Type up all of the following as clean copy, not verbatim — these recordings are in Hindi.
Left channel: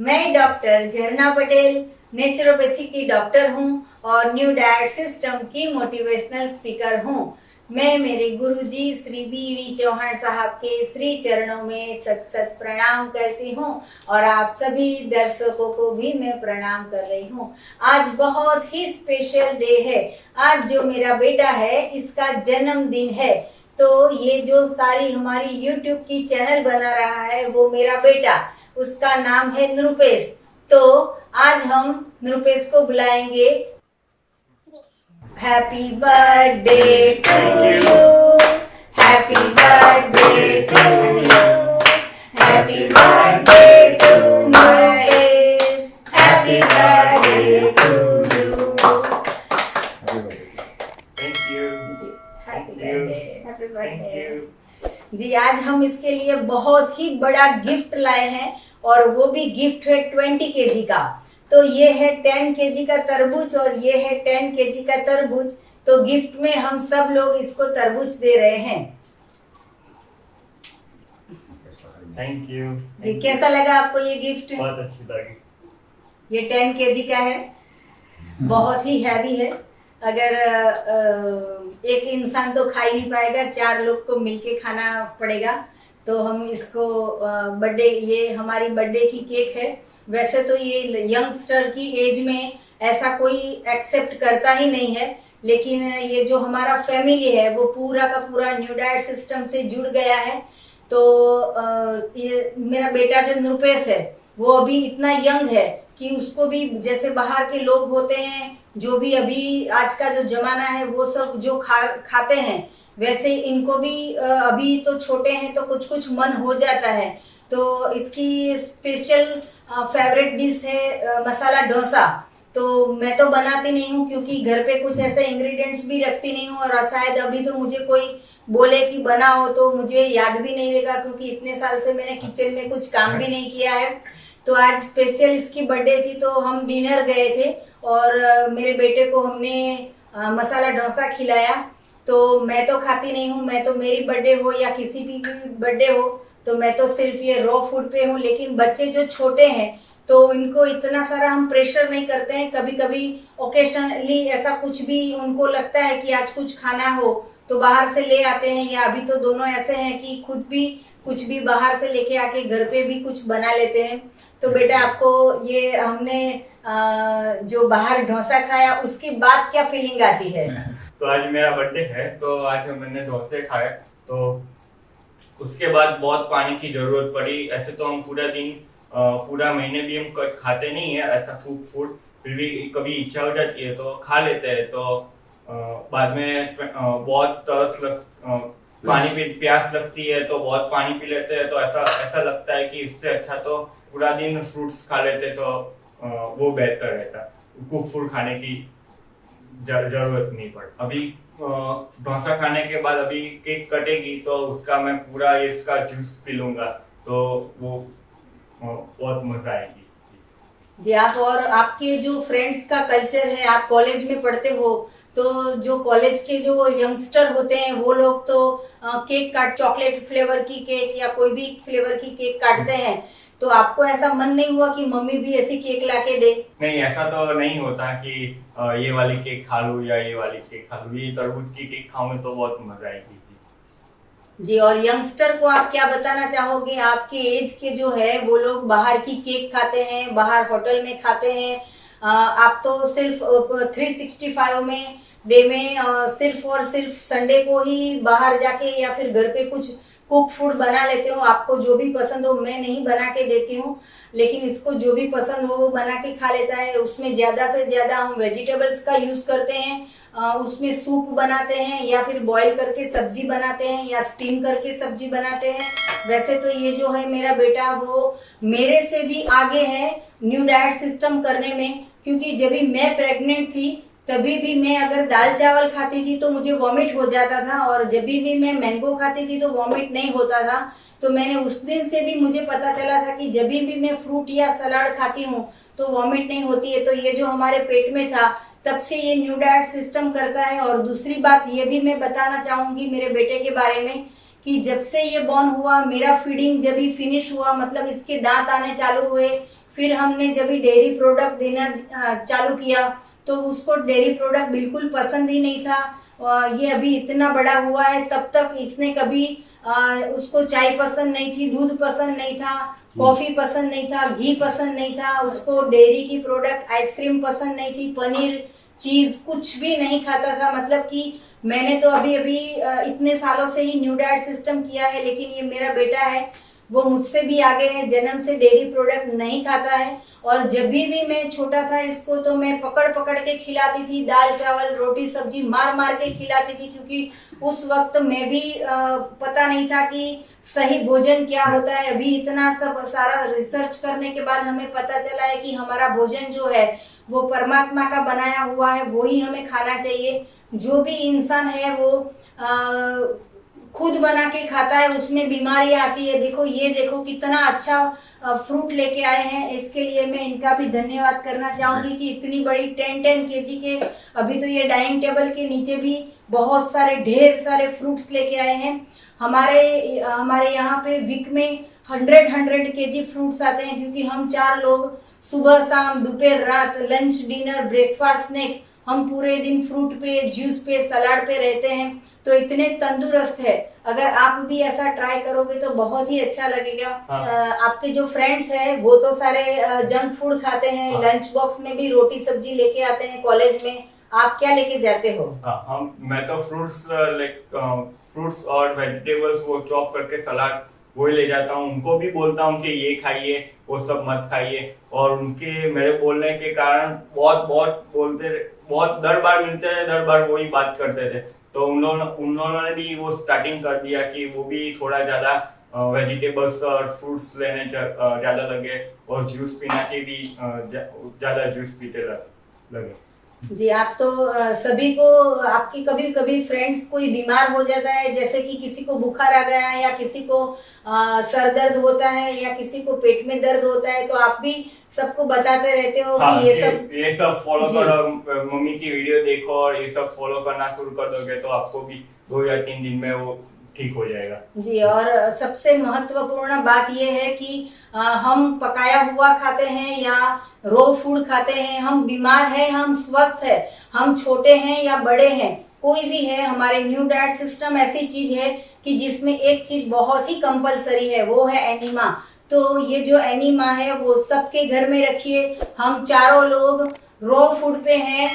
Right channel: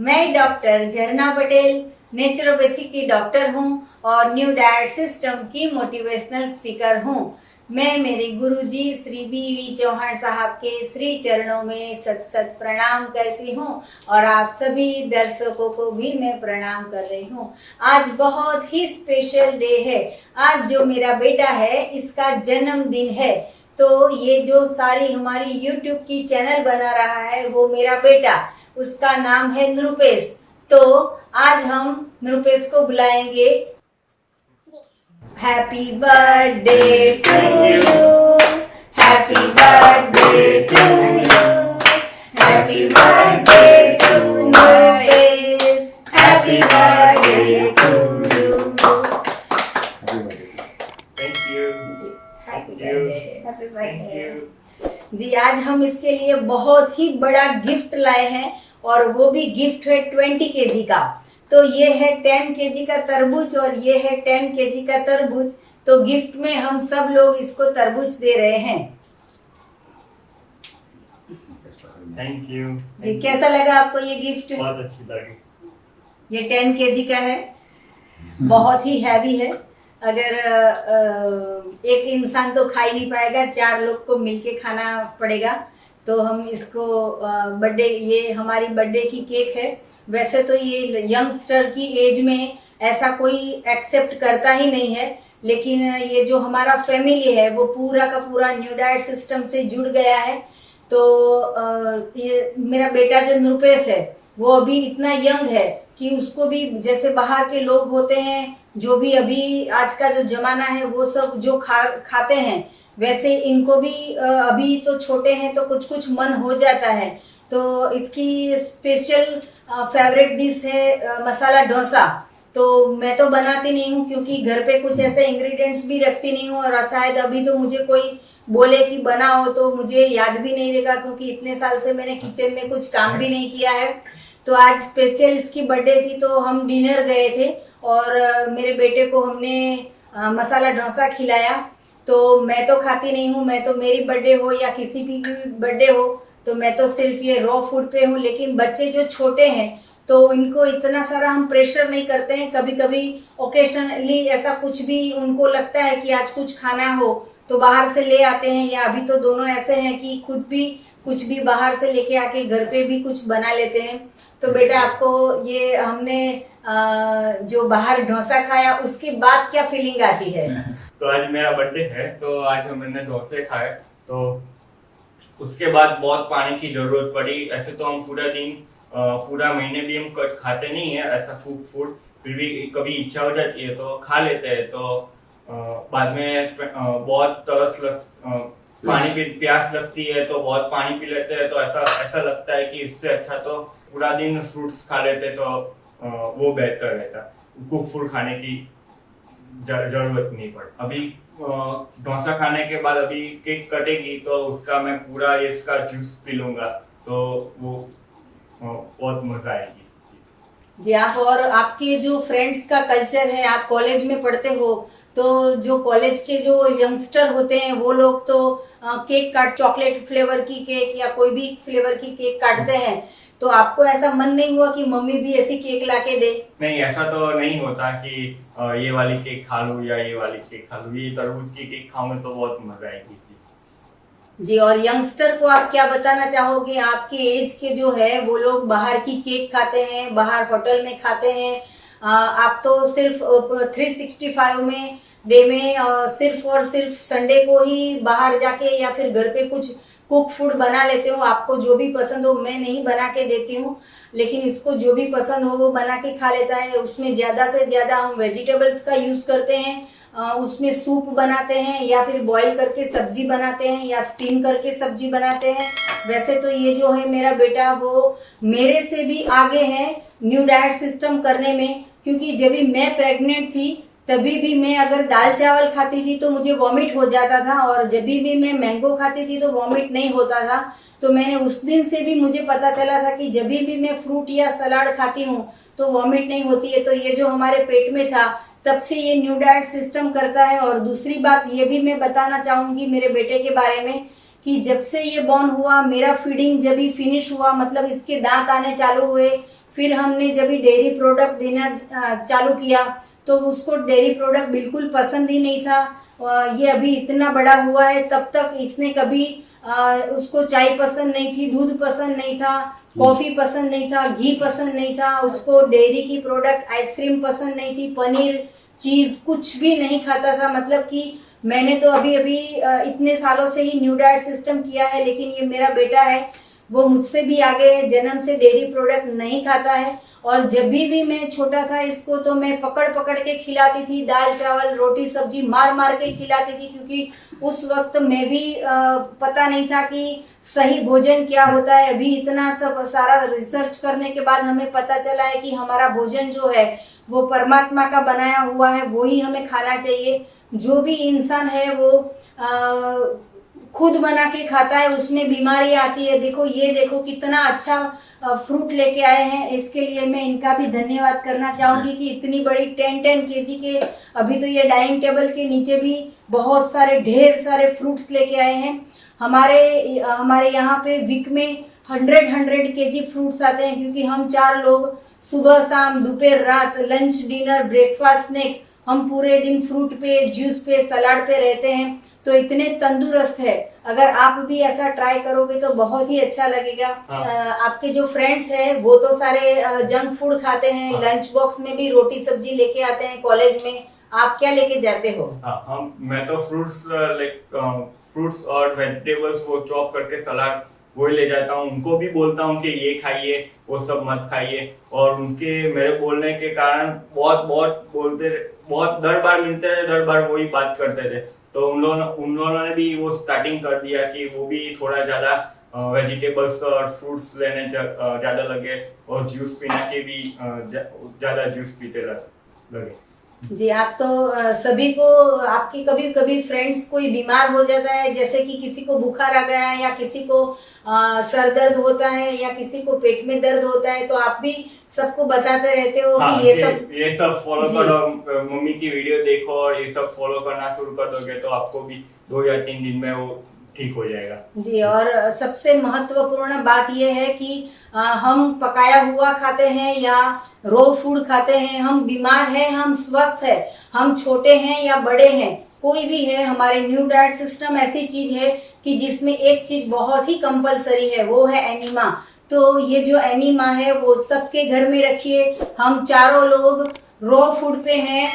मैं डॉक्टर झरना पटेल नेचुरोपैथी की डॉक्टर हूँ और न्यू डाइट सिस्टम की मोटिवेशनल स्पीकर हूँ। मैं मेरे गुरुजी श्री बी.वी. चौहान साहब के श्री चरणों में सत सत प्रणाम करती हूँ और आप सभी दर्शकों को भी मैं प्रणाम कर रही हूँ। आज बहुत ही स्पेशल डे है। आज जो मेरा बेटा है इसका जन्मदिन है। तो ये जो सारी हमारी YouTube की चैनल बना रहा है वो मेरा बेटा, उसका नाम है नृपेश। तो आज हम नृपेश को बुलाएंगे। Happy birthday to you, happy birthday to you, happy birthday to Nripesh, happy birthday to you. Happy birthday ji. आज हम इसके लिए बहुत ही बड़ा गिफ्ट लाए हैं और वो भी गिफ्ट है 20 केजी का। तो ये है 10 केजी का तरबूज और ये है 10 केजी का तरबूज। तो गिफ्ट में हम सब लोग इसको तरबूज दे रहे हैं। थैंक यू जी, कैसा लगा आपको ये गिफ्ट? बहुत अच्छी लगी। ये 10 केजी का है, बहुत ही हैवी है। अगर एक इंसान तो खा ही नहीं पाएगा, 4 लोग को मिलके खाना पड़ेगा। तो हम इसको बर्थडे, ये हमारी बर्थडे की केक है। वैसे तो ये यंगस्टर की एज में ऐसा कोई एक्सेप्ट करता ही नहीं है, लेकिन ये जो हमारा फैमिली है वो पूरा का पूरा न्यू डाइट सिस्टम से जुड़ गया है। तो ये मेरा बेटा जो नृपेश है वो अभी इतना यंग है कि उसको भी जैसे बाहर के लोग होते हैं, जो भी अभी आज का जो जमाना है वो सब जो खाते हैं, वैसे इनको भी अभी तो छोटे हैं तो कुछ कुछ मन हो जाता है। तो इसकी स्पेशल फेवरेट डिश है मसाला डोसा। तो मैं तो बनाती नहीं हूँ क्योंकि घर पे कुछ ऐसे इंग्रेडिएंट्स भी रखती नहीं हूँ और शायद अभी तो मुझे कोई बोले कि बनाओ तो मुझे याद भी नहीं रहेगा, क्योंकि इतने साल से मैंने किचन में कुछ काम भी नहीं किया है। तो आज स्पेशल इसकी बर्थडे थी तो हम डिनर गए थे और मेरे बेटे को हमने मसाला डोसा खिलाया। तो मैं तो खाती नहीं हूँ, मैं तो मेरी बर्थडे हो या किसी भी बर्थडे हो तो मैं तो सिर्फ ये रॉ फूड पे हूँ। लेकिन बच्चे जो छोटे हैं तो इनको इतना सारा हम प्रेशर नहीं करते हैं। कभी कभी ओकेशनली ऐसा कुछ भी उनको लगता है कि आज कुछ खाना हो तो बाहर से ले आते हैं, या अभी तो दोनों ऐसे हैं कि खुद भी कुछ भी बाहर से लेके आके घर पे भी कुछ बना लेते हैं। तो बेटा आपको ये हमने जो बाहर डोसा खाया उसके बाद क्या फीलिंग आती है? तो आज मेरा बर्थडे है तो आज मैंने डोसे खाए, तो उसके बाद बहुत पानी की जरूरत पड़ी। ऐसे तो हम पूरा दिन पूरा महीने भी हम खाते नहीं है ऐसा फूड, फिर भी कभी इच्छा हो जाती है तो खा लेते हैं। तो बाद में बहुत पानी भी प्यास लगती है तो बहुत पानी पी लेते हैं। तो ऐसा लगता है कि इससे अच्छा तो पूरा दिन फ्रूट्स खा लेते तो वो बेहतर रहता। कुक फूड खाने की जरूरत नहीं पड़। अभी डोसा खाने के बाद अभी केक कटेगी तो उसका मैं पूरा इसका जूस पी लूंगा, तो वो बहुत मजा आएगी जी। आप और आपके जो फ्रेंड्स का कल्चर है, आप कॉलेज में पढ़ते हो तो जो कॉलेज के जो यंगस्टर होते हैं वो लोग तो केक काट, चॉकलेट फ्लेवर की केक या कोई भी फ्लेवर की केक काटते हैं। तो आपको ऐसा मन नहीं हुआ कि मम्मी भी ऐसी केक लाके दे? नहीं, ऐसा तो नहीं होता कि ये वाली केक खा लूं या ये वाली केक खा लूं। ये तरबूज की केक खाऊंगा तो बहुत मजा आएगी जी। और यंगस्टर को आप क्या बताना चाहोगे? आपके एज के जो है वो लोग बाहर की केक खाते हैं, बाहर होटल में खाते हैं। आप तो सिर्फ 365 में डे में सिर्फ और सिर्फ संडे को ही बाहर जाके या फिर घर पे कुछ कुक फूड बना लेते हो। आपको जो भी पसंद हो, मैं नहीं बना के देती हूँ, लेकिन इसको जो भी पसंद हो वो बना के खा लेता है। उसमें ज्यादा से ज्यादा हम वेजिटेबल्स का यूज करते हैं। उसमें सूप बनाते हैं या फिर बॉईल करके सब्जी बनाते हैं या स्टीम करके सब्जी बनाते हैं। वैसे तो ये जो है मेरा बेटा वो मेरे से भी आगे है न्यू डाइट सिस्टम करने में, क्योंकि जब भी मैं प्रेग्नेंट थी तभी भी मैं अगर दाल चावल खाती थी तो मुझे वॉमिट हो जाता था, और जब भी मैं मैंगो खाती थी तो वॉमिट नहीं होता था। तो मैंने उस दिन से भी मुझे पता चला था कि जब भी मैं फ्रूट या सलाद खाती हूँ तो वॉमिट नहीं होती है। तो ये जो हमारे पेट में था तब से ये न्यू डाइट सिस्टम करता है। और दूसरी बात ये भी मैं बताना चाहूंगी मेरे बेटे के बारे में कि जब से ये बॉर्न हुआ, मेरा फीडिंग जब भी फिनिश हुआ, मतलब इसके दांत आने चालू हुए फिर हमने जब भी डेयरी प्रोडक्ट देना चालू किया तो उसको डेयरी प्रोडक्ट बिल्कुल पसंद ही नहीं था। ये अभी इतना बड़ा हुआ है तब तक इसने कभी उसको चाय पसंद नहीं थी, दूध पसंद नहीं था, कॉफी पसंद नहीं था, घी पसंद नहीं था, उसको डेयरी की प्रोडक्ट आइसक्रीम पसंद नहीं थी, पनीर चीज कुछ भी नहीं खाता था। मतलब कि मैंने तो अभी अभी इतने सालों से ही न्यू डाइट सिस्टम किया है, लेकिन ये मेरा बेटा है वो मुझसे भी आगे है, जन्म से डेयरी प्रोडक्ट नहीं खाता है। और जब भी मैं छोटा था इसको तो मैं पकड़ पकड़ के खिलाती थी, दाल चावल रोटी सब्जी मार मार के खिलाती थी, क्योंकि उस वक्त मैं भी पता नहीं था कि सही भोजन क्या होता है। अभी इतना सब सारा रिसर्च करने के बाद हमें पता चला है कि हमारा भोजन जो है वो परमात्मा का बनाया हुआ है, वो ही हमें खाना चाहिए। जो भी इंसान है वो खुद बना के खाता है, उसमें बीमारी आती है। देखो ये देखो कितना अच्छा फ्रूट लेके आए हैं, इसके लिए मैं इनका भी धन्यवाद करना चाहूंगी कि इतनी बड़ी 10-10 केजी के, अभी तो ये डाइनिंग टेबल के नीचे भी बहुत सारे ढेर सारे फ्रूट्स लेके आए हैं। हमारे यहाँ पे वीक में 100 केजी फ्रूट्स आते हैं, क्योंकि हम 4 लोग सुबह शाम दोपहर रात लंच डिनर ब्रेकफास्ट स्नैक हम पूरे दिन फ्रूट पे जूस पे सलाद पे रहते हैं, तो इतने तंदुरुस्त है। अगर आप भी ऐसा ट्राई करोगे तो बहुत ही अच्छा लगेगा। आपके जो फ्रेंड्स हैं वो तो सारे जंक फूड खाते हैं, लंच बॉक्स में भी रोटी सब्जी लेके आते हैं कॉलेज में, आप क्या लेके जाते हो? मैं तो फ्रूट्स और वेजिटेबल्स वो चॉप करके सलाद वही ले जाता हूँ। उनको भी बोलता हूँ कि ये खाइए वो सब मत खाइए, और उनके मेरे बोलने के कारण बहुत दर बार मिलते रहे, दर बार वही बात करते थे। तो उन लोगों ने भी वो स्टार्टिंग कर दिया कि वो भी थोड़ा ज्यादा वेजिटेबल्स और फ्रूट्स लेने ज्यादा लगे, और जूस पीना के भी ज्यादा जूस पीते लगे। जी, आप तो सभी को, आपकी कभी कभी फ्रेंड्स कोई बीमार हो जाता है, जैसे कि किसी को बुखार आ गया है या किसी को सर दर्द होता है या किसी को पेट में दर्द होता है, तो आप भी सबको बताते रहते हो कि ये सब फॉलो करो, मम्मी की वीडियो देखो और ये सब फॉलो करना शुरू कर दोगे तो आपको भी 2 या 3 दिन में वो ठीक हो जाएगा। जी, और सबसे महत्वपूर्ण बात यह है कि हम पकाया हुआ खाते हैं या रो फूड खाते हैं, हम बीमार हैं, हम स्वस्थ हैं, हम छोटे हैं या बड़े हैं, कोई भी है, हमारे न्यू डाइट सिस्टम ऐसी चीज है कि जिसमें एक चीज बहुत ही कंपलसरी है, वो है एनीमा। तो ये जो एनीमा है वो सबके घर में रखिए। हम चारों लोग रो फूड पे हैं,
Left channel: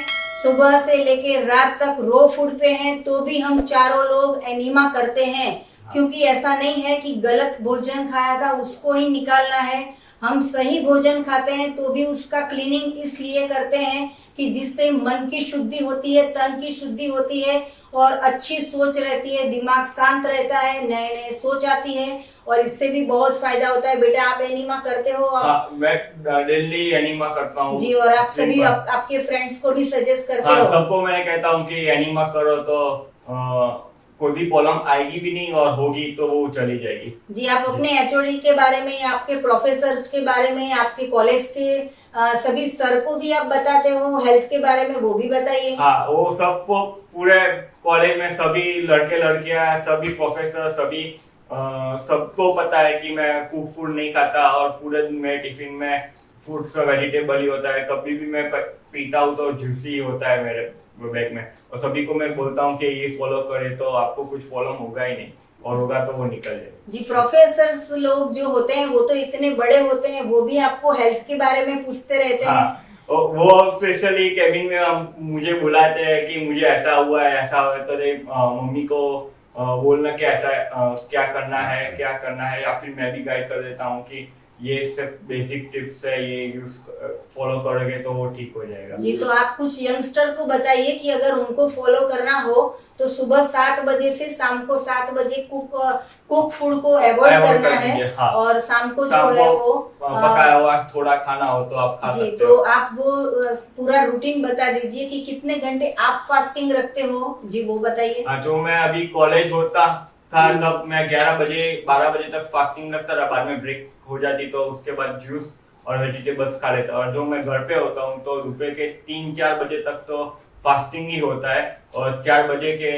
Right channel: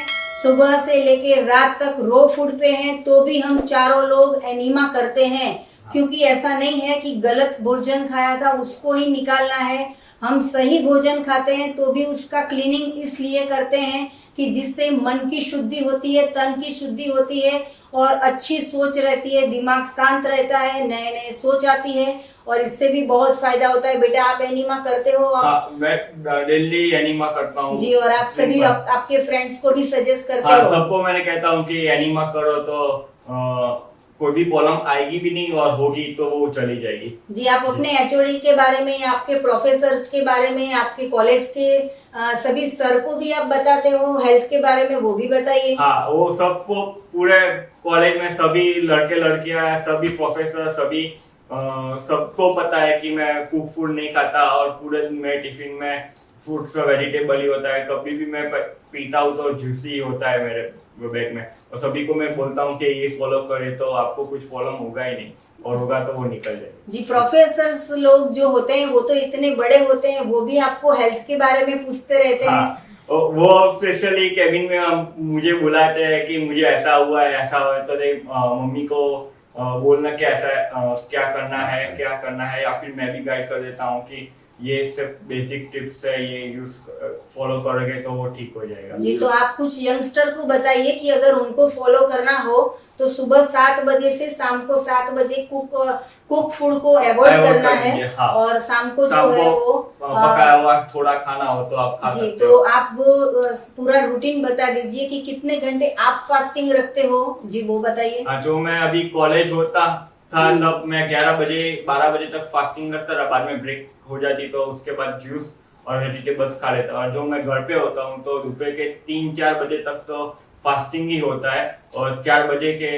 सुबह से लेके रात तक रो फूड पे हैं, तो भी हम चारों लोग एनीमा करते हैं, क्योंकि ऐसा नहीं है कि गलत भोजन खाया था उसको ही निकालना है। हम सही भोजन खाते हैं तो भी उसका क्लीनिंग इसलिए करते हैं कि जिससे मन की शुद्धि होती है, तन की शुद्धि होती है और अच्छी सोच रहती है, दिमाग शांत रहता है, नए नए सोच आती है, और इससे भी बहुत फायदा होता है। बेटा आप एनीमा करते हो? मैं डेली एनीमा करता हूँ जी, और आप सभी आपके फ्रेंड्स को भी सजेस्ट करते हो? सबको मैंने कहता हूँ कि एनीमा करो तो कोई भी प्रॉब्लम आएगी भी नहीं, और होगी तो वो चली जाएगी। जी, आप अपने एचओडी के बारे में, आपके प्रोफेसर्स के बारे में, आपके कॉलेज के सभी सर को भी आप बताते हो, हेल्थ के बारे में वो भी बताइए। हाँ, वो सबको पूरे कॉलेज में सभी लड़के लड़कियां सभी प्रोफेसर सभी सबको पता है कि मैं कुक फूड नहीं खाता, और पूरे दिन में टिफिन में फ्रूट्स और वेजिटेबल ही होता है। कभी भी मैं पीता हूँ तो जूसी होता है मेरे बैग में, और सभी को मैं बोलता हूँ कि ये फॉलो करे तो आपको कुछ प्रॉब्लम होगा ही नहीं, और होगा तो वो निकल जाएगा। जी, प्रोफेसर्स लोग जो होते हैं वो तो इतने बड़े होते हैं, वो भी आपको हेल्थ के बारे में पूछते रहते हैं। वो स्पेशली केबिन में मुझे बुलाते हैं कि मुझे ऐसा हुआ है ऐसा हुआ है, तो मम्मी को बोलना कि ऐसा क्या करना है, या फिर मैं भी गाइड कर देता हूँ कि ये सिर्फ बेसिक टिप्स है, ये यूज फॉलो करोगे तो वो ठीक हो जाएगा। जी, तो आप कुछ यंगस्टर को बताइए कि अगर उनको फॉलो करना हो तो सुबह 7 बजे से शाम को 7 बजे कुक फूड को अवॉइड करना है। हाँ। और शाम को जो है वो पकाया हुआ थोड़ा खाना हो तो आप खा सकते हो। तो आप वो पूरा रूटीन बता दीजिए कि कितने घंटे आप फास्टिंग रखते हो। जी, वो बताइए। जो मैं अभी कॉलेज होता था तब मैं 12 बजे तक फास्टिंग रखता था, बाद में ब्रेक हो जाती तो उसके बाद जूस और वेजिटेबल्स खा लेता। और जो मैं घर पे होता हूँ तो दोपहर के 3-4 बजे तक तो फास्टिंग ही होता है, और 4 बजे के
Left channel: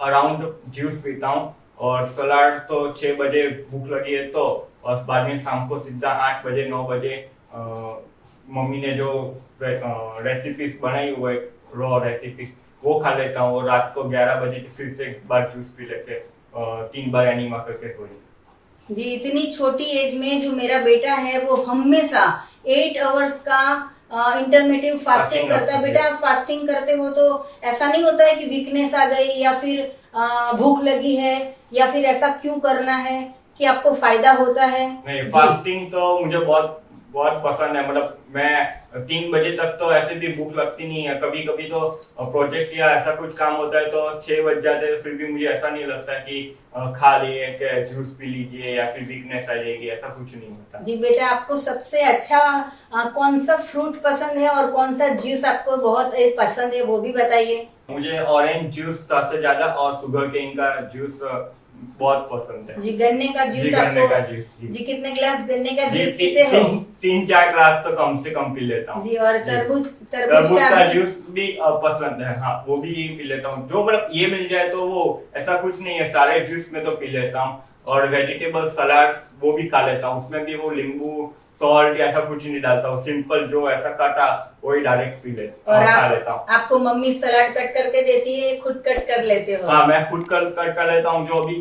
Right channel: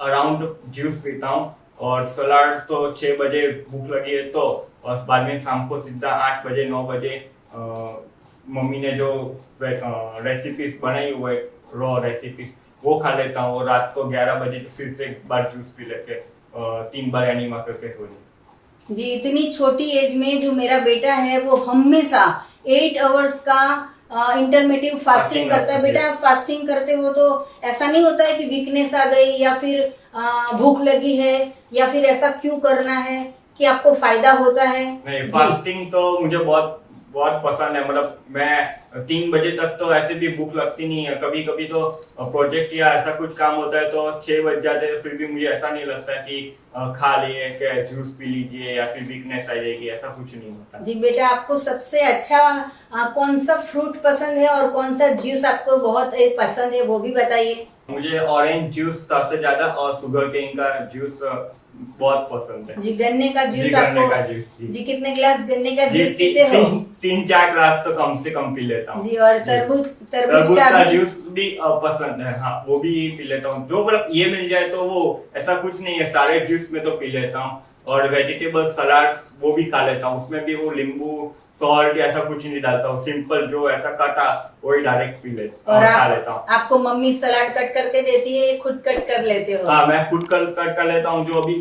अराउंड जूस पीता हूँ, और सलाद तो 6 बजे भूख लगी है तो, और बाद में शाम को सीधा 8 बजे 9 बजे मम्मी ने जो रेसिपीज बनाई हुई रॉ रेसिपीज वो खा लेता हूँ, और रात को 11 बजे फिर से एक बार जूस पी लेके 3 बार एनीमा करके सो जाता। जी, इतनी छोटी एज में जो मेरा बेटा है वो हमेशा 8 आवर्स का इंटरमिटेंट फास्टिंग करता है। बेटा, आप फास्टिंग करते हो तो ऐसा नहीं होता है कि वीकनेस आ गई या फिर भूख लगी है या फिर ऐसा क्यों करना है कि आपको फायदा होता है? नहीं, फास्टिंग तो मुझे बहुत बहुत पसंद है। मतलब मैं 3 बजे तक तो ऐसे भी भूख लगती नहीं है। कभी कभी तो प्रोजेक्ट या ऐसा कुछ काम होता है तो 6 बज जाते हैं, फिर भी मुझे ऐसा नहीं लगता कि खा लिए कि जूस पी लीजिए या फिर वीकनेस आ जाएगी, ऐसा कुछ नहीं होता। जी बेटा, आपको सबसे अच्छा कौन सा फ्रूट पसंद है और कौन सा जूस आपको बहुत पसंद है वो भी बताइए। मुझे ऑरेंज जूस सबसे ज्यादा और शुगर केन का जूस बहुत पसंद है। जी, गन्ने का जूस जी, गन्ने आपको। का जूस, जी। कितने गिलास गन्ने का जी, जूस पीते हो? 3-4 ग्लास तो कम से कम पी लेता हूँ। जी, और तरबूज तरबूज का का भी? जूस भी पसंद है, हाँ वो भी पी लेता हूँ। जो मतलब ये मिल जाए तो वो ऐसा कुछ नहीं है, सारे जूस में तो पी लेता हूँ। और वेजिटेबल सलाद वो भी खा लेता हूँ, उसमें भी वो नींबू सॉल्ट ऐसा कुछ नहीं डालता हूँ, सिंपल जो ऐसा कटा वही डायरेक्ट पी लेता और खा लेता हूँ। आपको मम्मी सलाद कट करके देती है, खुद कट कर लेते हो? हाँ, मैं खुद कट कर लेता हूँ। जो अभी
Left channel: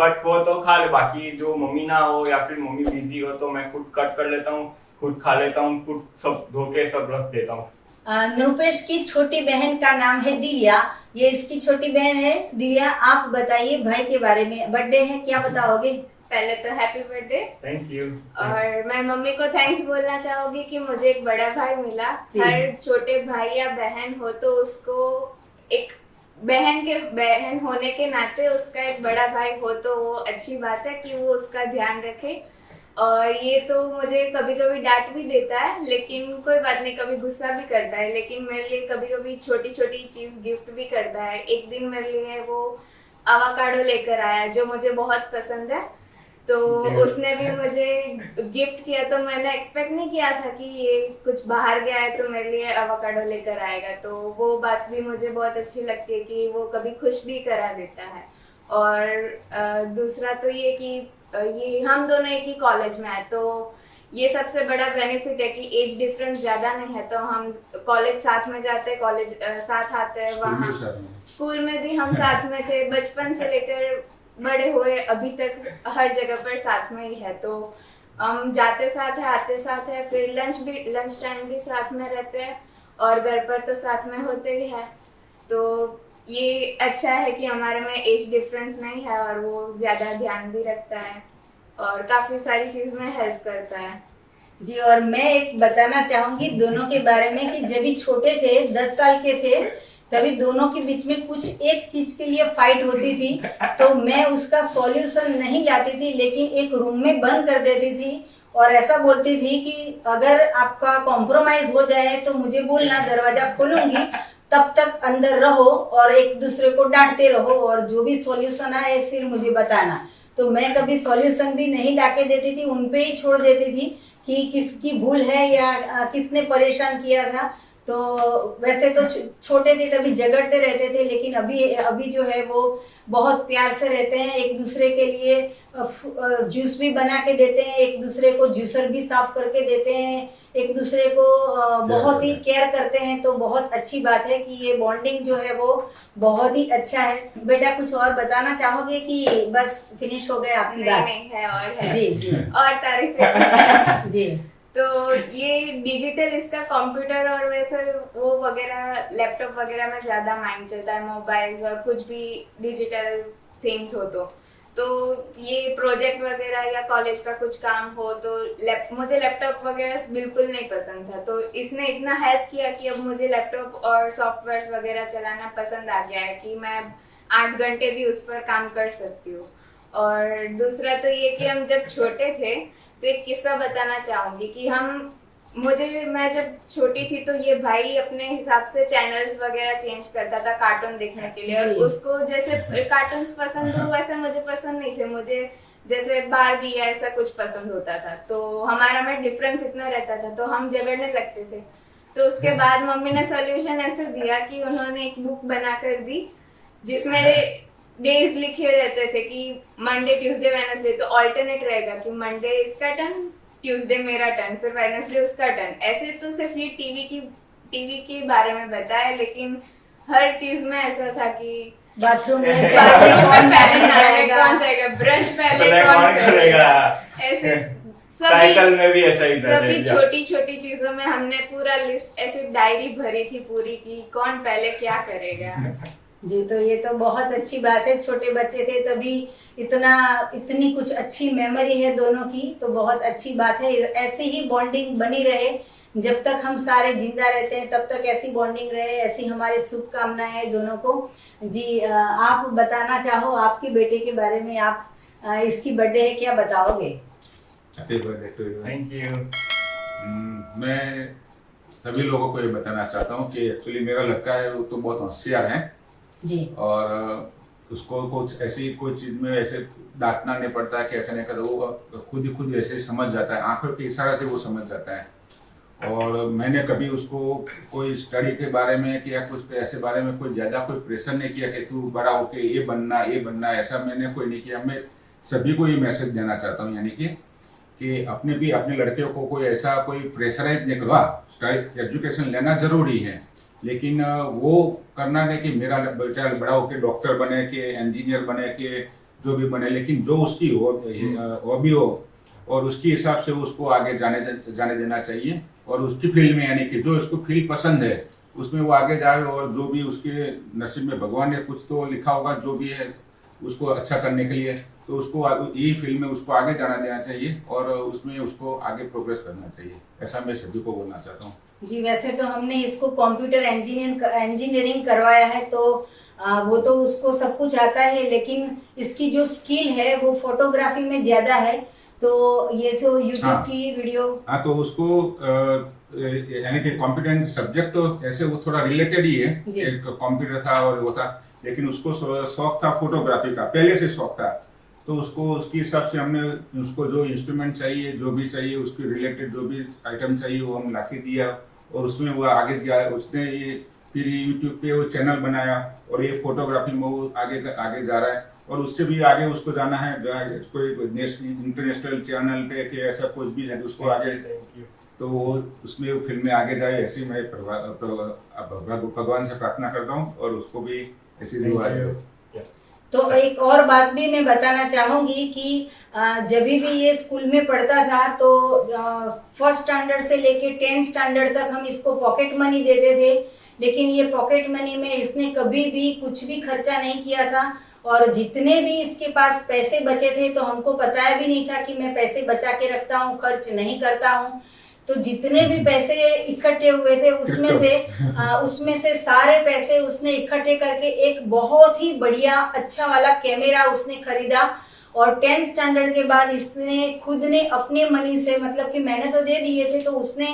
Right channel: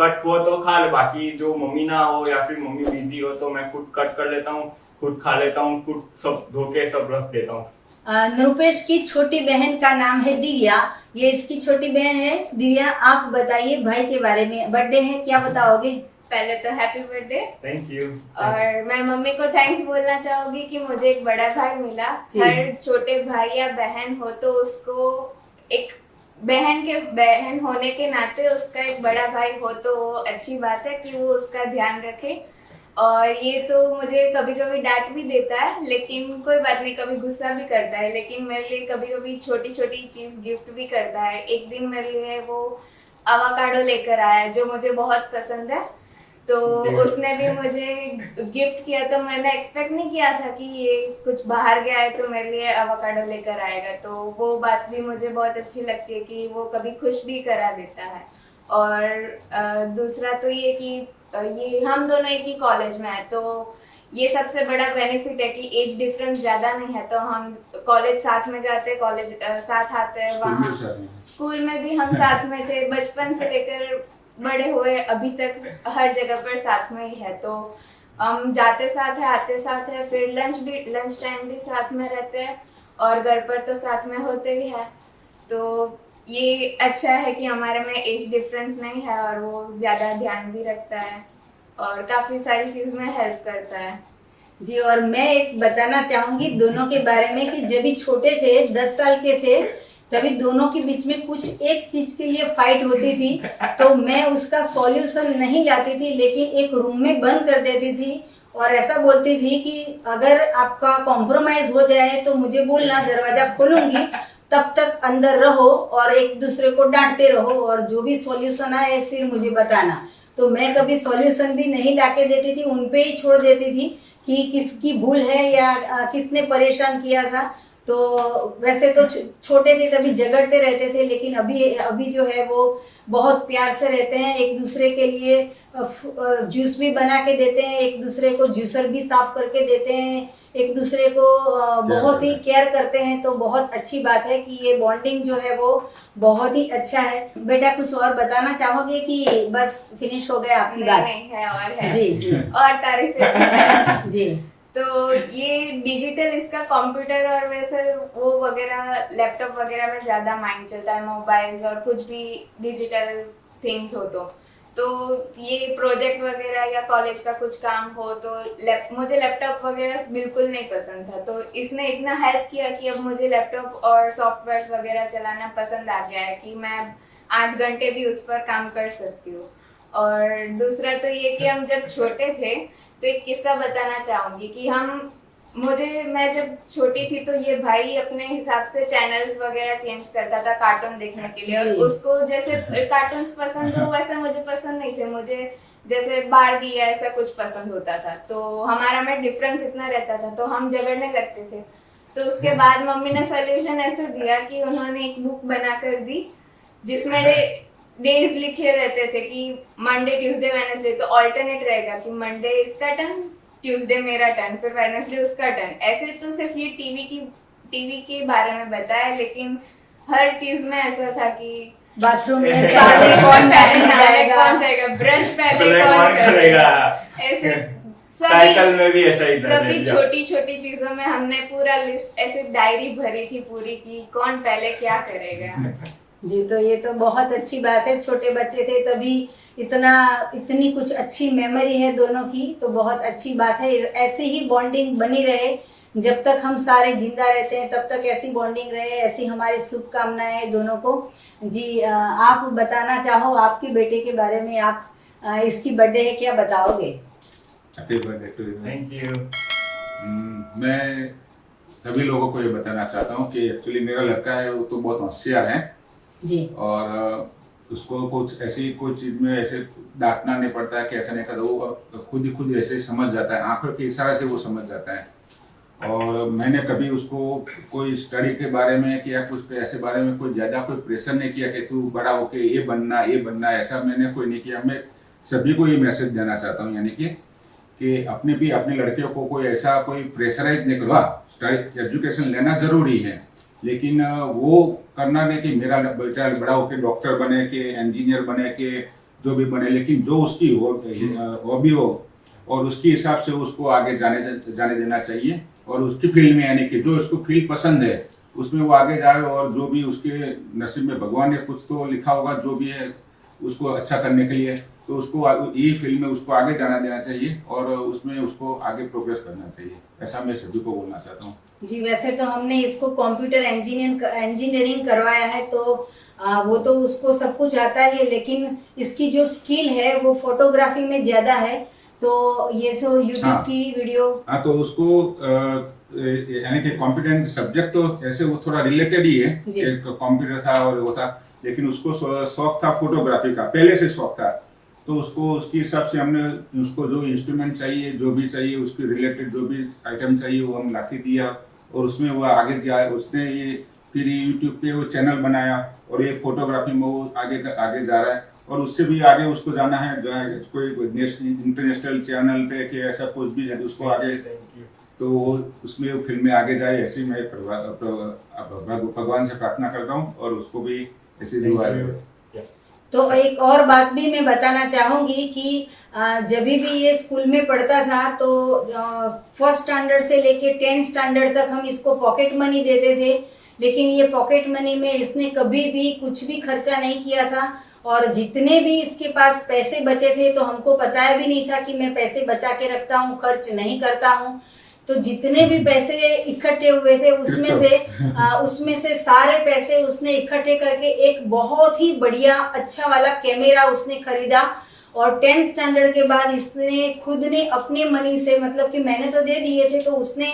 कट हो तो खा ले, बाकी जो मम्मी ना हो या फिर मम्मी बिजी हो तो मैं खुद कट कर लेता हूँ, खुद खा लेता हूँ, खुद सब धो के सब रख देता हूँ। नृपेश की छोटी बहन का नाम है दिव्या, ये इसकी छोटी बहन है। दिव्या, आप बताइए भाई के बारे में, बर्थडे है, क्या बताओगे? पहले तो हैप्पी बर्थडे। Thank you. और मैं मम्मी को थैंक्स बोलना चाहूंगी कि मुझे एक बड़ा भाई मिला। हर छोटे भाई या बहन हो तो उसको एक बहन होने के नाते उसका एक बड़ा भाई हो तो वो अच्छी बात है कि वो उसका ध्यान रखे। और ये तो मुझे कभी कभी डांट भी देता है, लेकिन कोई बात नहीं, कभी गुस्सा भी करता है, लेकिन मेरे लिए कभी कभी छोटी छोटी चीज गिफ्ट भी करता है। एक दिन मेरे लिए वो अवाकाडो लेकर आया जो मुझे बहुत पसंद है, तो उसने भी मुझे गिफ्ट किया। तो मैंने एक्सपेक्ट नहीं किया था कि ये कुछ बाहर गया है तो मेरे लिए अवाकाडो लेकर आएगा, तो वो बात भी मुझे बहुत अच्छी लगती है कि वो कभी खुश भी करा देता है। और दूसरा तो ये कि ये हम दोनों एक ही कॉलेज में है, तो ये सबसे बड़ा बेनिफिट है कि एज डिफरेंस ज्यादा नहीं है, तो हम कॉलेज साथ में जाते हैं, कॉलेज साथ आते हैं, वहाँ स्कूल में भी हम साथ में थे, बचपन से लेकर बड़े हुए अभी तक हर जगह पर साथ में ही है। तो हम जाते साथ है, आते साथ है, फिर लंच टाइम भी साथ में रहते हैं और घर पर तो साथ में होते ही है। तो ये अच्छा है कि हमारे में एज डिफरेंस नहीं है और वो ज्यादा ध्यान भी रखता है और काफी सारी चीज में हेल्प करता है। जी, और मैं एक बताना चाहूंगी दोनों के बारे में कि जब भी छोटे थे, 10 साल के थे, तभी दोनों के बीच में कुछ एक चीज के लिए फाइट होती थी, तो मैं उसका सॉल्यूशन नहीं लाती थी, लेकिन एक रूम में बंद कर देती थी और ऐसा बोलती थी कि अगर आपका कॉम्प्रोमाइज हो जाए तो मुझे बोलना, दरवाजा खोलूंगी, तब तक अंदर रहो और एक दूसरे को डांटते रहो और जो भी सॉल्यूशन आए फिर मुझे बताना। तो मैं कभी सॉल्यूशन भी नहीं लाके देती थी, उनपे ही छोड़ देती थी कि किसकी भूल है या किसने परेशान किया था। तो वैसे तो छोटे थे तभी झगड़ते रहते थे, लेकिन अभी जो है वो बहुत प्यार से रहते हैं, एक दूसरे के लिए जूस भी बना के देते हैं, एक दूसरे को जूसर भी साफ करके देते हैं, एक दूसरे को बहुत ही केयर करते हैं। तो बहुत अच्छी बात है कि ये बॉन्डिंग जो है वो बहुत ही अच्छा है। बेटा, कुछ और बताना चाहोगे कि बस फिनिश हो गया आपकी बात? नहीं है, और है। जी जी, और तारीफ जी। तो ये डिजिटल, इसका कंप्यूटर और वैसे वो वगैरह लैपटॉप वगैरह में ज्यादा माइंड चलता है, मोबाइल्स और कुछ भी डिजिटल थिंग्स हो तो ये प्रोजेक्ट वगैरह या कॉलेज का कुछ काम हो तो मुझे लैपटॉप वगैरह बिल्कुल नहीं पसंद था, तो इसने इतना हेल्प किया कि अब मुझे लैपटॉप और सॉफ्टवेयर वगैरह चलाना पसंद आ गया है कि मैं 8 घंटे भी उस पर काम कर सकती हूँ। और दूसरा तो ये कि हम जब छोटे थे तो एक किस्सा बताना चाहूंगी कि मैं जब छोटी थी तो ये भाई अपने हिसाब से चैनल्स वगैरह चेंज करता था कार्टून देखने के लिए, और उसको जैसे कार्टून्स पसंद हो वैसे मुझे पसंद नहीं थे, मुझे जैसे बारबी या ऐसा कुछ पसंद होता था, तो हमारा में डिफरेंस इतना रहता था, तो हम झगड़ने लगते थे। तो उसके बाद मम्मी ने सोल्यूशन ऐसे दिया कि उन्होंने एक बुक बना कर दी जिसमें डेज लिखे रहते थे कि मंडे ट्यूसडे वेडनेसडे, तो ऑल्टरनेट रहेगा कि मंडे इसका टर्न, ट्यूसडे मेरा टर्न, फिर वेडनेसडे उसका टर्न। ऐसे तो सिर्फ ये टीवी के बारे में बताया, लेकिन हर चीज में ऐसा था कि बाथरूम में पहले कौन पहले कौन जाएगा, जाएगा, ब्रश पहले पहले कौन कौन करेगा, करेगा। ऐसे साइकिल में भी ऐसा ही था। सभी छोटी छोटी चीजों में हमने पूरा लिस्ट ऐसे डायरी भरी थी पूरी की कौन पहले क्या करेगा। जी। तो ये तो बहुत अच्छी बात है, छोटे बच्चे थे तभी इतनी कुछ अच्छी मेमोरी है दोनों की, तो बहुत अच्छी बात है। ऐसे ही बॉन्डिंग बनी रहे, जब तक हम सारे जिंदा रहते हैं तब तक ऐसी बॉन्डिंग रहे, ऐसी हमारी शुभकामनाएं दोनों को। जी आप बताना चाहो आपके बेटे के बारे में, आप इसकी बर्थडे है, क्या बताओगे? Happy birthday to you. Thank you. मैं सभी लोगों को ये बताना चाहता हूँ कि एक्चुअली मेरा लड़का है वो तो बहुत होशियार है जी। और उसको कुछ ऐसी कोई चीज में ऐसे डांटना नहीं पड़ता है कि ऐसा नहीं करता, वो खुद ही ऐसे समझ जाता है, आंखों के इशारे से वो समझ जाता है। और मैंने कभी उसको कोई स्टडी के बारे में या कुछ ऐसे बारे में कोई ज्यादा कोई प्रेशर नहीं किया कि तू बड़ा होके ये बनना, ऐसा मैंने कोई नहीं किया। मैं सभी को ये मैसेज देना चाहता हूँ, यानी कि अपने लड़कियों को कोई ऐसा कोई प्रेशराइज नहीं करवा। स्टडी एजुकेशन लेना जरूरी है, लेकिन वो करना नहीं कि मेरा बच्चा बड़ा होकर डॉक्टर बने कि इंजीनियर बने कि जो भी बने, लेकिन जो उसकी हॉबी हो और उसके हिसाब से उसको आगे जाने देना चाहिए। और उसकी फील्ड में, यानी कि जो उसको फील्ड पसंद है उसमें वो आगे जाए, और जो भी उसके नसीब में भगवान ने कुछ तो लिखा होगा जो भी है उसको अच्छा करने के लिए, तो उसको यही फील्ड में उसको आगे जाना देना चाहिए और उसमें उसको आगे प्रोग्रेस करना चाहिए। ऐसा मैं सभी को बोलना चाहता हूँ। जी वैसे तो हमने इसको कंप्यूटर इंजीनियरिंग करवाया है, तो वो तो उसको सब कुछ आता है, लेकिन इसकी जो स्किल है वो फोटोग्राफी में ज्यादा है। तो ये जो यूट्यूब की वीडियो, हाँ तो उसको यानी कि कंप्यूटर सब्जेक्ट तो ऐसे वो थोड़ा रिलेटेड ही है, एक कंप्यूटर था और वो था, लेकिन उसको शौक था फोटोग्राफी का, पहले से शौक था। तो उसको उसके हिसाब से हमने उसको जो इंस्ट्रूमेंट चाहिए, जो भी चाहिए उसके रिलेटेड जो भी आइटम चाहिए वो हम लाके दिया, और उसमें वो आगे गया। उसने ये फिर यूट्यूब पे वो चैनल बनाया और ये फोटोग्राफी में वो आगे जा रहा है, और उससे भी आगे उसको जाना है कोई इंटरनेशनल चैनल पे कि ऐसा कुछ भी है उसको आगे, तो वो उसमें फिल्म में आगे जाए, ऐसी मैं भगवान से प्रार्थना करता हूँ और उसको भी ऐसी दुआ है। तो एक और बात भी मैं बताना चाहूंगी कि जब भी ये स्कूल में पढ़ता था तो फर्स्ट स्टैंडर्ड से लेके 10th स्टैंडर्ड तक हम इसको पॉकेट मनी देते थे, लेकिन ये पॉकेट मनी में इसने कभी भी कुछ भी खर्चा नहीं किया था। और जितने भी इसके पास पैसे बचे थे तो हमको पता भी नहीं था कि मैं पैसे बचा के रखता हूँ, खर्च नहीं करता हूँ। तो जितने भी पैसे इकट्ठे हुए थे उसमें से सारे पैसे उसने इकट्ठे करके एक बहुत ही बढ़िया अच्छा वाला कैमरा उसने खरीदा। और 10th स्टैंडर्ड के बाद इसने खुद ने अपने मनी से, मतलब कि मैंने तो दे दिए थे, तो उसने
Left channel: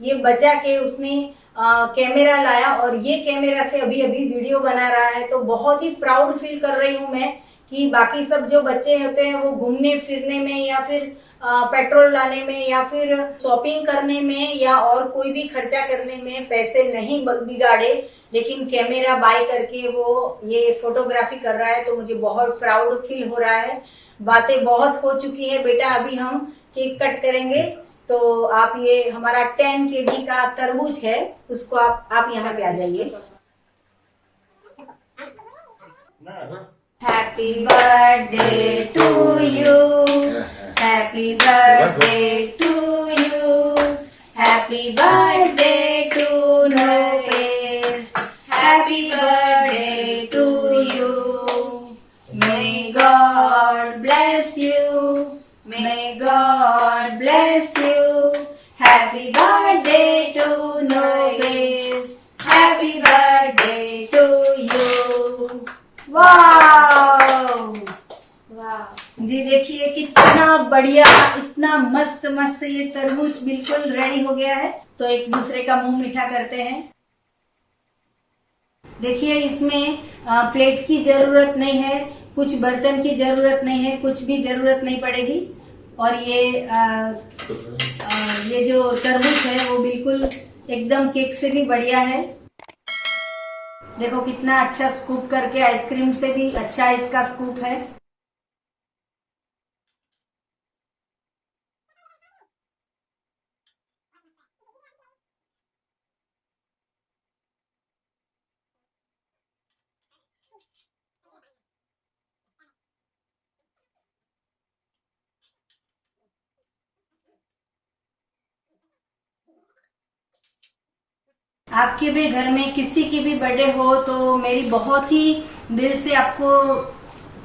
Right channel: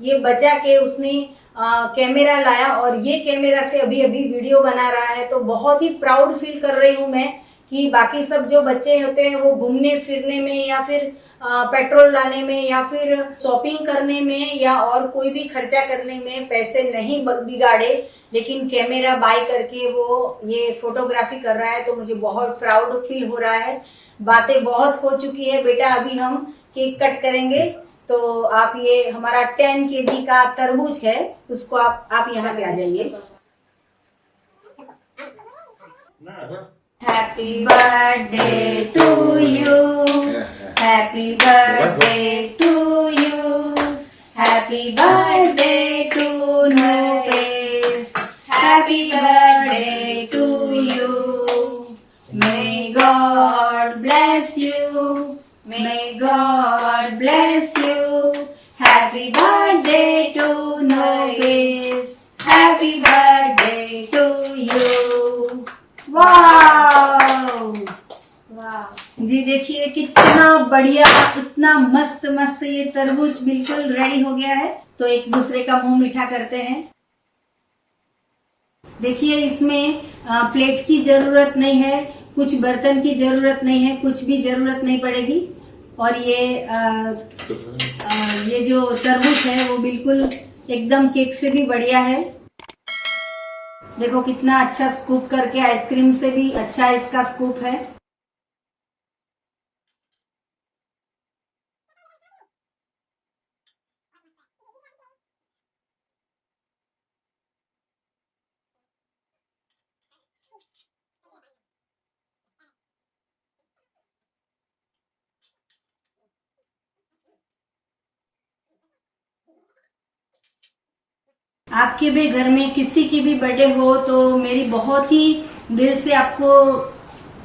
ये बचा के उसने कैमरा लाया और ये कैमरा से अभी वीडियो बना रहा है। तो बहुत ही प्राउड फील कर रही हूँ मैं कि बाकी सब जो बच्चे होते हैं वो घूमने फिरने में या फिर पेट्रोल लाने में या फिर शॉपिंग करने में या और कोई भी खर्चा करने में पैसे नहीं बिगाड़े, लेकिन कैमरा बाय करके वो ये फोटोग्राफी कर रहा है। तो मुझे बहुत प्राउड फील हो रहा है। बातें बहुत हो चुकी है बेटा, अभी हम केक कट करेंगे। तो आप ये हमारा 10 kg का तरबूज है, उसको आप यहाँ पे आ जाइए। Happy birthday to you, happy birthday to you, happy birthday to नोपेस, happy birthday to you, may God bless you, may God bless you, happy birthday to नोपेस, happy birthday to you. Wow जी, देखिए कितना बढ़िया, इतना मस्त मस्त ये तरबूज बिल्कुल रेडी हो गया है। तो एक दूसरे का मुंह मीठा करते हैं। देखिए इसमें प्लेट की जरूरत नहीं है, कुछ बर्तन की जरूरत नहीं है, कुछ भी जरूरत नहीं पड़ेगी। और ये जो तरबूज है वो बिल्कुल एकदम केक से भी बढ़िया है। देखो कितना अच्छा स्कूप करके, आइसक्रीम से भी अच्छा इसका स्कूप है। आपके भी घर में किसी की भी बर्थडे हो तो मेरी बहुत ही दिल से आपको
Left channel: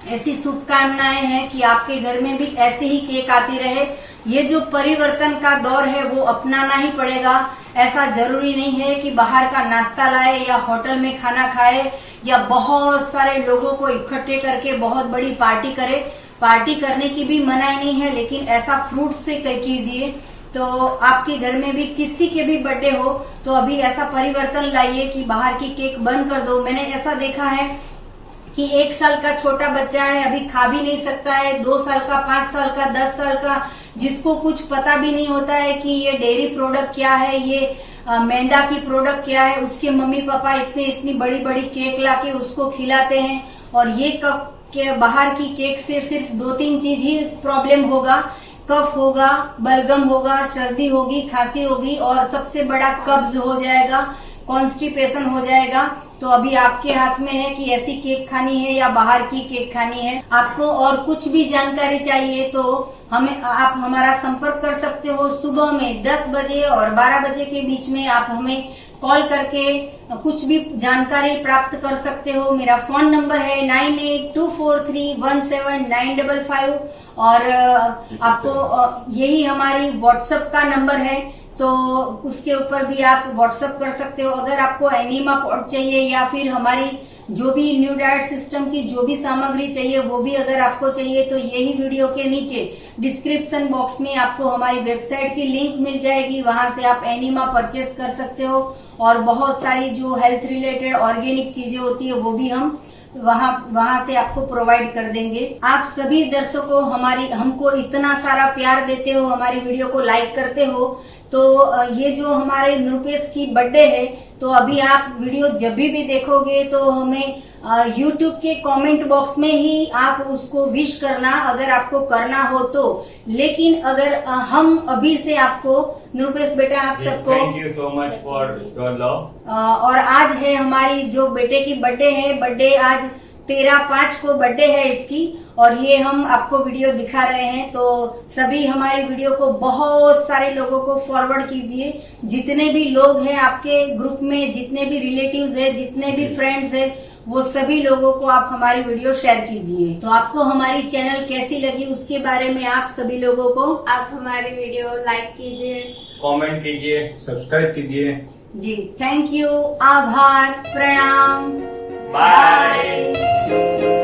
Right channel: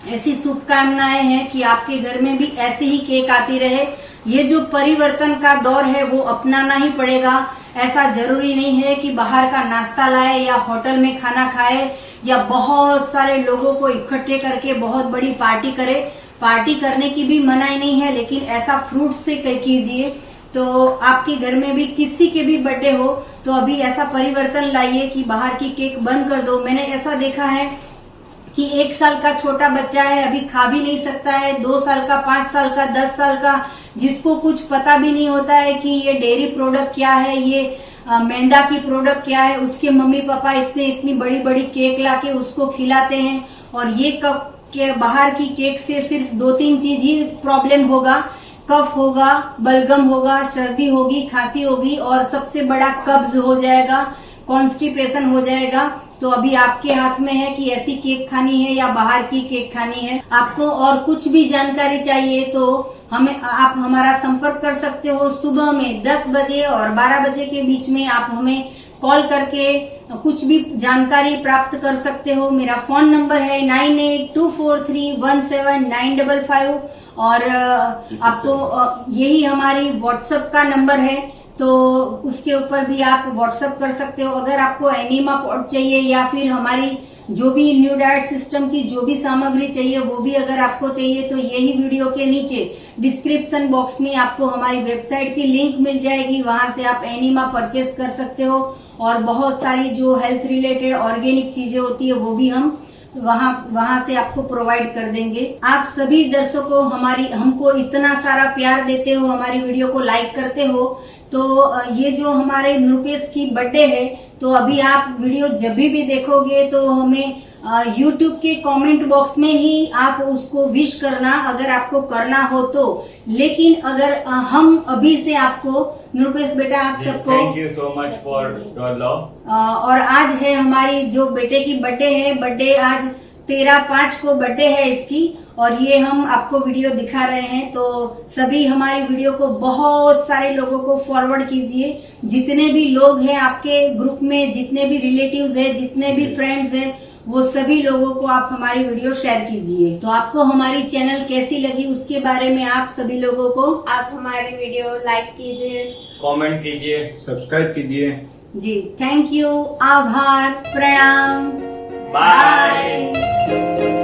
ऐसी शुभकामनाएं हैं कि आपके घर में भी ऐसे ही केक आती रहे। ये जो परिवर्तन का दौर है वो अपनाना ही पड़ेगा। ऐसा जरूरी नहीं है कि बाहर का नाश्ता लाए या होटल में खाना खाए या बहुत सारे लोगों को इकट्ठे करके बहुत बड़ी पार्टी करे। पार्टी करने की भी मनाही नहीं है, लेकिन ऐसा फ्रूट से कीजिए। तो आपके घर में भी किसी के भी बर्थडे हो तो अभी ऐसा परिवर्तन लाइए कि बाहर की केक बंद कर दो। मैंने ऐसा देखा है कि 1 साल का छोटा बच्चा है, अभी खा भी नहीं सकता है, 2 साल का, 5 साल का, 10 साल का, जिसको कुछ पता भी नहीं होता है कि ये डेयरी प्रोडक्ट क्या है, ये मैदा की प्रोडक्ट क्या है, उसके मम्मी पापा इतनी बड़ी बड़ी केक लाके उसको खिलाते हैं। और ये कप के बाहर की केक से सिर्फ 2-3 चीज ही प्रॉब्लम होगा। कफ होगा, बलगम होगा, सर्दी होगी, खांसी होगी और सबसे बड़ा कब्ज हो जाएगा, कॉन्स्टिपेशन हो जाएगा। तो अभी आपके हाथ में है कि ऐसी केक खानी है या बाहर की केक खानी है। आपको और कुछ भी जानकारी चाहिए तो आप हमारा संपर्क कर सकते हो। सुबह में 10 बजे और 12 बजे के बीच में आप हमें कॉल करके कुछ भी जानकारी प्राप्त कर सकते हो। मेरा फोन नंबर है 9824317955 और आपको यही हमारी व्हाट्सएप का नंबर है, तो उसके ऊपर भी आप व्हाट्सएप कर सकते हो। अगर आपको एनीमा पॉट चाहिए या फिर हमारी जो भी न्यू डाइट सिस्टम की जो भी सामग्री चाहिए वो भी अगर आपको चाहिए तो यही वीडियो के नीचे डिस्क्रिप्शन बॉक्स में आपको हमारी वेबसाइट की लिंक मिल जाएगी। वहां से आप एनीमा परचेस कर सकते हो और बहुत सारी जो हेल्थ रिलेटेड ऑर्गेनिक चीजें होती है वो भी हम वहां से आपको प्रोवाइड कर देंगे। आप सभी दर्शकों हमको इतना सारा प्यार देते हो, हमारी वीडियो को लाइक करते हो, तो ये जो हमारे नृपेश की बर्थडे है तो अभी आप वीडियो जब भी देखोगे तो हमें YouTube के कमेंट बॉक्स में ही आप उसको विश करना अगर आपको करना हो तो। लेकिन अगर हम अभी से आपको नृपेश बेटा आप सबको thank you so much for your love. और आज है हमारी जो बेटे की बर्थडे है, बर्थडे आज 13/5 को बर्थडे है इसकी और ये हम आपको वीडियो दिखा रहे हैं। तो सभी हमारी वीडियो को बहुत सारे लोगों को फॉरवर्ड कीजिए। जितने भी लोग हैं आपके ग्रुप में, जितने भी रिलेटिव्स हैं, जितने भी फ्रेंड्स हैं, वो सभी लोगों को आप हमारी वीडियो शेयर कीजिए। तो आपको हमारी चैनल कैसी लगी उसके बारे में आप सभी लोगों को आप हमारी वीडियो लाइक कीजिए, कमेंट कीजिए, सब्सक्राइब कीजिए। जी थैंक यू, आभार, प्रणाम, बाय।